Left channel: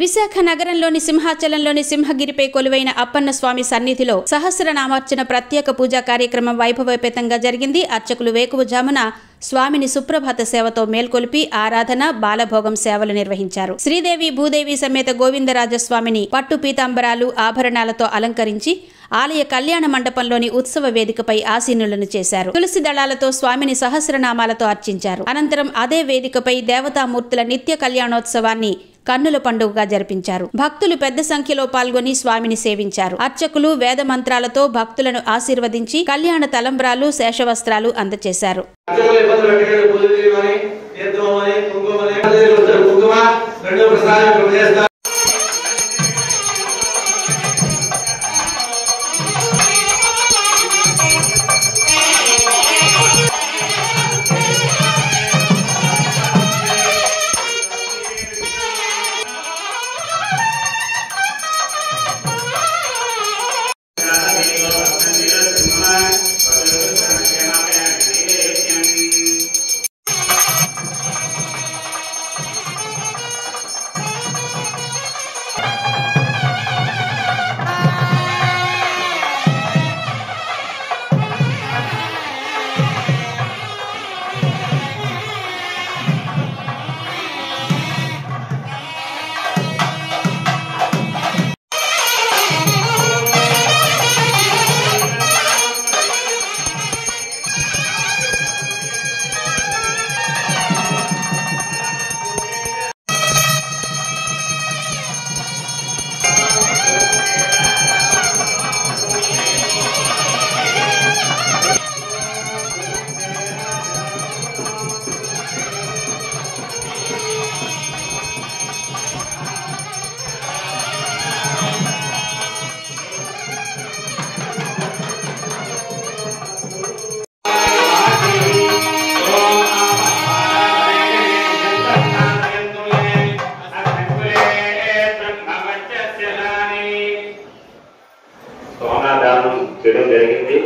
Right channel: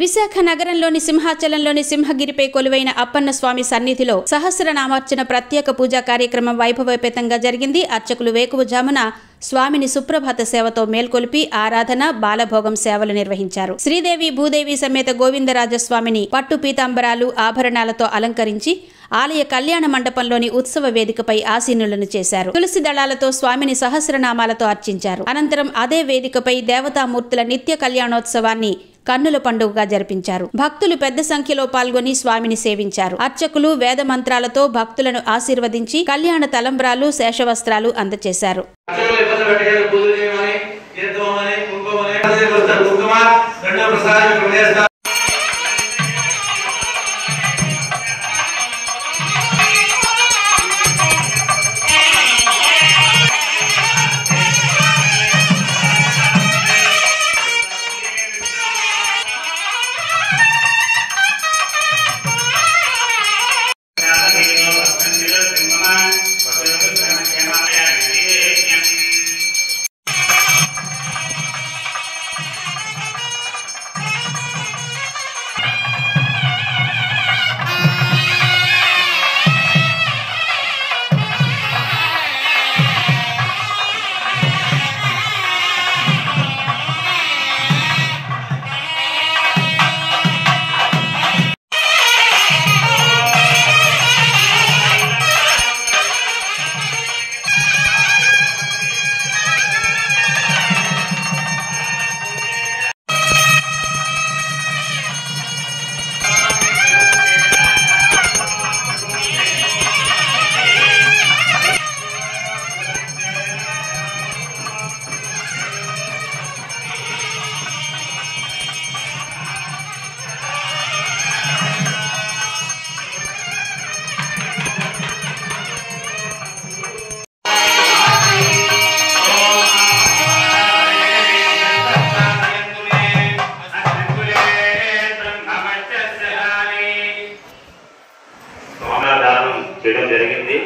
విశాఖ నగరంలోని సింహాచలంలోని సింహగిరిపై కొలువైన అప్పన్న స్వామి సన్నిధిలో సహస్రనామార్చన ప్రత్యేక పూజా కార్యక్రమం వైభవోపేతంగా జరిగింది. అర్చకులు వేకువజామున స్వామిని సుప్రభాత సేవతో మేల్కొలిపి ఆరాధన, బాలభోగం సేవలు నిర్వహించారు. శ్రీదేవి భూదేవి సమేత గోవిందరాజస్వామిని పట్టు పీతాంబరాలు, ఆభరణాలతో అలంకరించి ఆలయ కళ్యాణ మండపంలోని ఉత్సవ వేదికపై ఆసీనులను చేశారు. తులసి దళాలతో స్వామిని సహస్రనామాలతో అర్చించారు. అనంతరం అదే వేదికపై దేవతామూర్తుల నిత్య కళ్యాణోత్సవాన్ని కన్నుల పండుగగా జరిపించారు. భక్తులు పెద్ద సంఖ్యలో పాల్గొని స్వామిని సేవించారు. అర్చకులు వేద మంత్రాలతో భక్తులను ఆశీర్వదించి కళ్యాణ తలంబ్రాలు, శేషవస్త్రాలు అందజేశారు. చేయడం జరిగింది.